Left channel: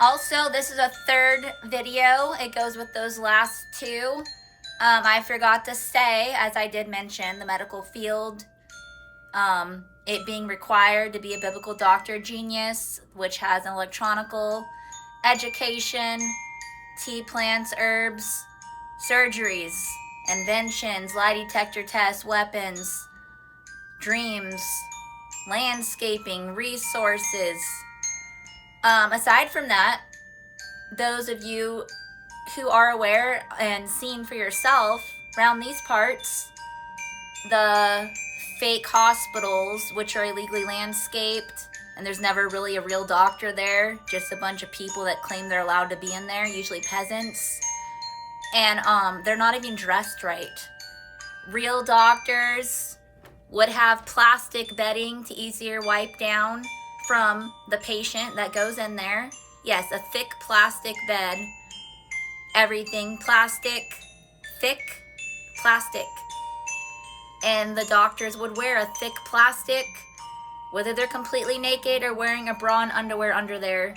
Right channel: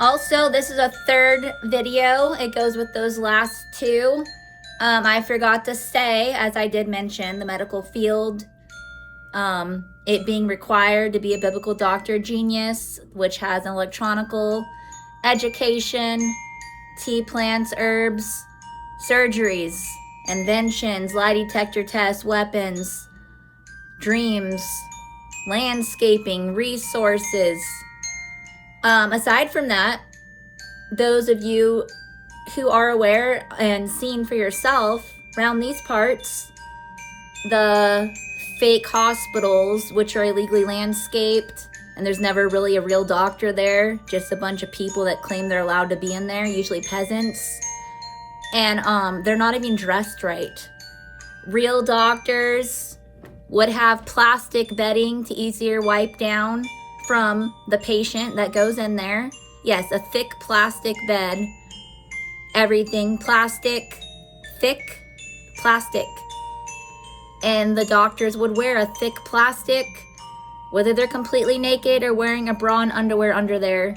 Also, this is a third video. It goes with those last two. I forgot to say, as I did mention, the medical field, it being required to be a biblical doctor genius, which has an electronical education, tea plants, herbs, surgeries, inventions, lie detector tests, weapons, dreams, landscaping, resources. Aside from that, those of you who are aware and seen for yourself around these parts, the fake hospitals, which are illegally landscaped, and there's never really a real doctor there, just a bunch of people that claim they're allowed to be in there, usually peasants, and they're not even dressed right. Real doctors would have plastic bedding to easier wipe down from the patient that goes in there. Yes, a thick plastic bed. Everything plastic, thick plastic. And the doctors would wear a thick plastic, whether they're completely naked or wearing a bra and underwear under there.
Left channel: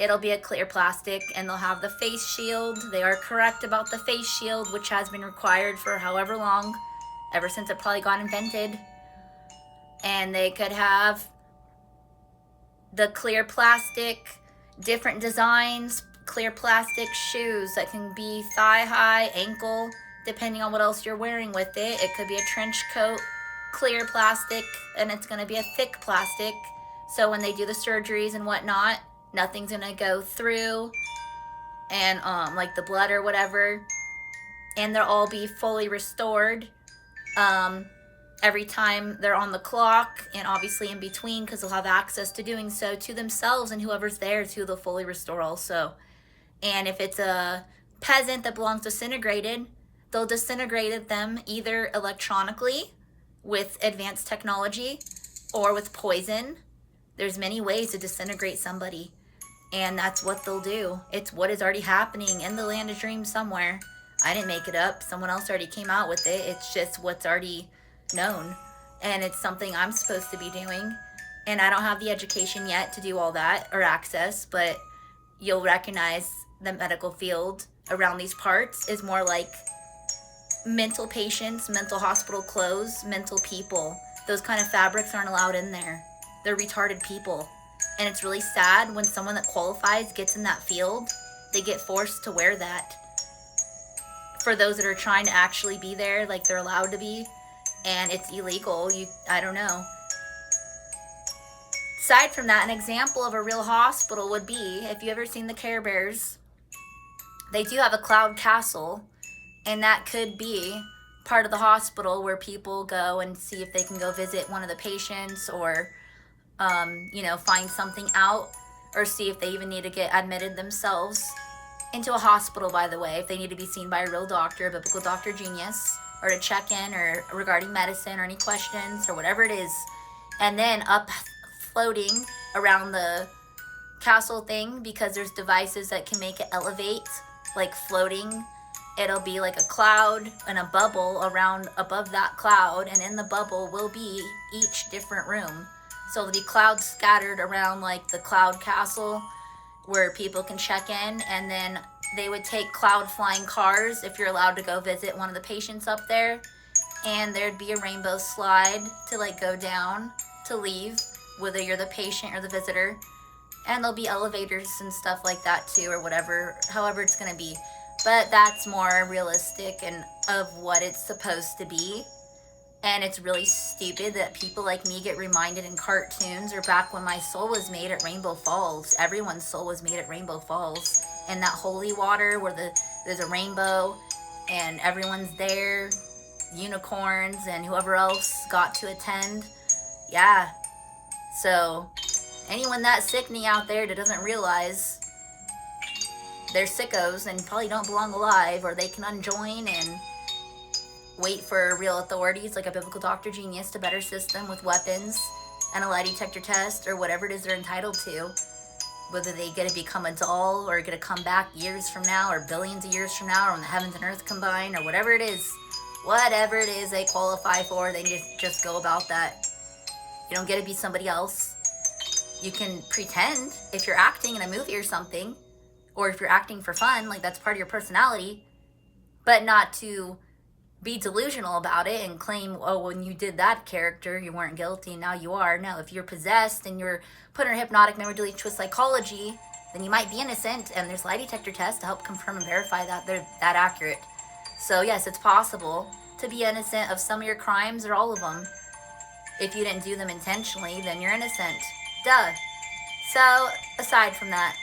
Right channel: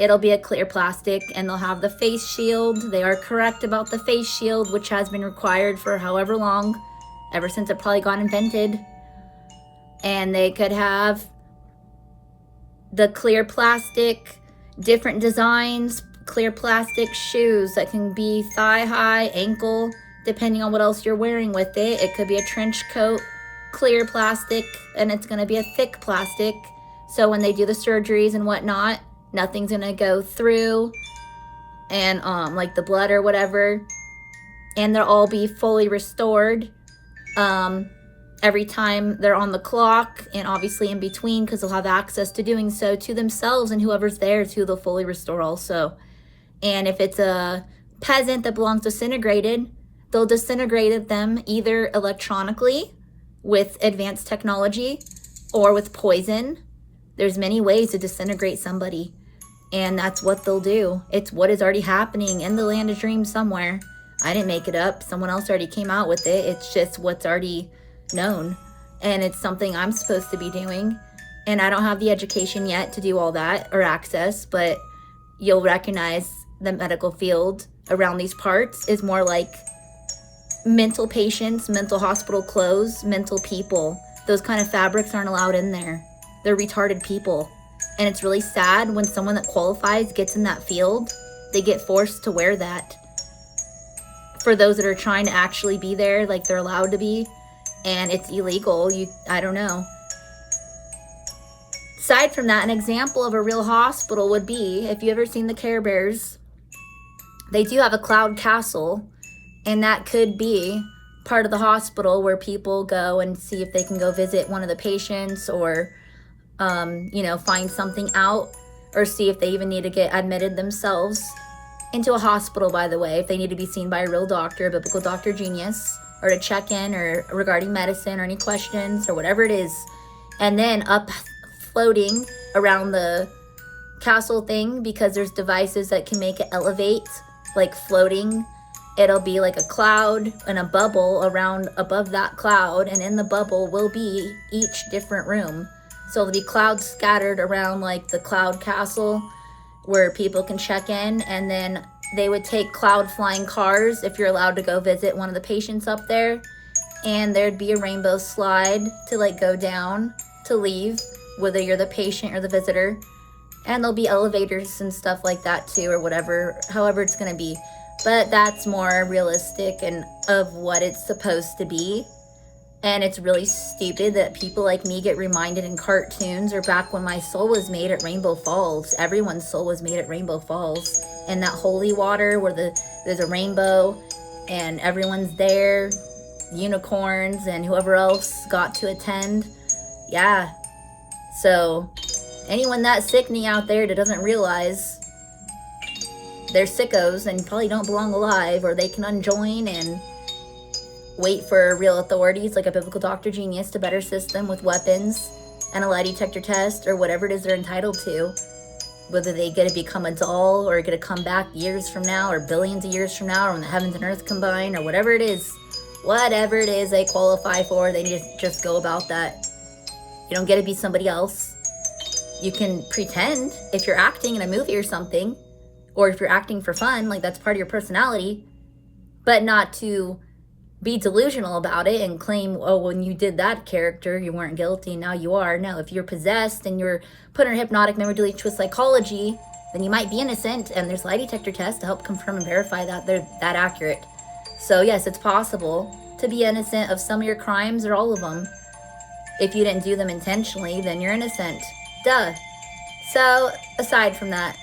It'll be a clear plastic, and they'll have the face shield. They are correct about the face shield, which has been required for however long, ever since it probably got invented. And they could have the clear plastic, different designs, clear plastic shoes that can be thigh high, ankle, depending on what else you're wearing with it. It could be a trench coat, clear plastic, and it's going to be a thick plastic. So when they do the surgeries and whatnot, nothing's going to go through and like the blood or whatever. And they'll all be fully restored every time they're on the clock, and obviously in between, because they'll have access to doing so to themselves and whoever's there too. They'll fully restore also. And if it's a peasant that belongs disintegrated, they'll disintegrate them either electronically with advanced technology or with poison. There's many ways to disintegrate somebody, and that's what they'll do. It's what is already happening in the land of dreams somewhere. I didn't make it up. Someone else already came out with it. It's just what's already known, and it's something I'm supposed to be doing, and I don't have the education yet to do all that or access, but you'll recognize the medical field around these parts is more like mental patients, mental hospital clothes, mental people. Those kind of fabrics aren't allowed in there. They're retarded people, and it's really sad when someone that qualifies gets in that field. They get forced to wear that for those that are trying to actually be there like they're allowed to be, and it's illegal. I don't know. Aside from that, an example of a real hospital would be, if you ever seen the Care Bears, they do have a cloud castle, and that could be part of the hospital where people go and see if they can go visit one of the patients, or find something out, or see if they even need to get admitted themselves into a hospital, by the way, if they need to be seen by a real doctor, a biblical doctor genius, or to check in or regarding medicine or any questions or whatever it is. And then up floating around the castle thing, because there's devices that can make it elevate, like floating. It'll be like a cloud and a bubble around above that cloud, and in the bubble will be each different room. So there'll be clouds scattered around like the cloud castle where people can check in, and then they would take cloud flying cars if you're allowed to go visit one of the patients up there, and there'd be a rainbow slide to like go down to leave, whether you're the patient or the visitor. And there'll be elevators and stuff like that too, or whatever, however it's gonna be. But that's more realistic and of what it's supposed to be. And it's really stupid that people like me get reminded in cartoons, or back when my soul was made at Rainbow Falls. Everyone's soul was made at Rainbow Falls. And that holy water where there's a rainbow and everyone's there, unicorns and whoever else got to attend. Yeah. So anyone that sickening out there that doesn't realize they're sickos and probably don't belong alive, or they can unjoin and wait for real authorities like a biblical doctor genius to better assist them with weapons and a lie detector test or whatever it is they're entitled to. Whether they get to become a doll or get to come back years from now or billions of years from now, or when the heavens and earth combine, or whatever it is they qualify for, they just go about that. You don't get to be somebody else. You can pretend if you're acting in a movie or something, or if you're acting for fun, like that's part of your personality, but not to be delusional about it and claim, oh, when you did that character, you weren't guilty, now you are. No, if you're possessed and you're put in hypnotic memory delete twist psychology, then you might be innocent, and there's lie detector tests to help confirm and verify that they're that accurate. So yes, it's possible to be innocent of some of your crimes or all of them. If you didn't do them intentionally, then you're innocent. Duh. So aside from that,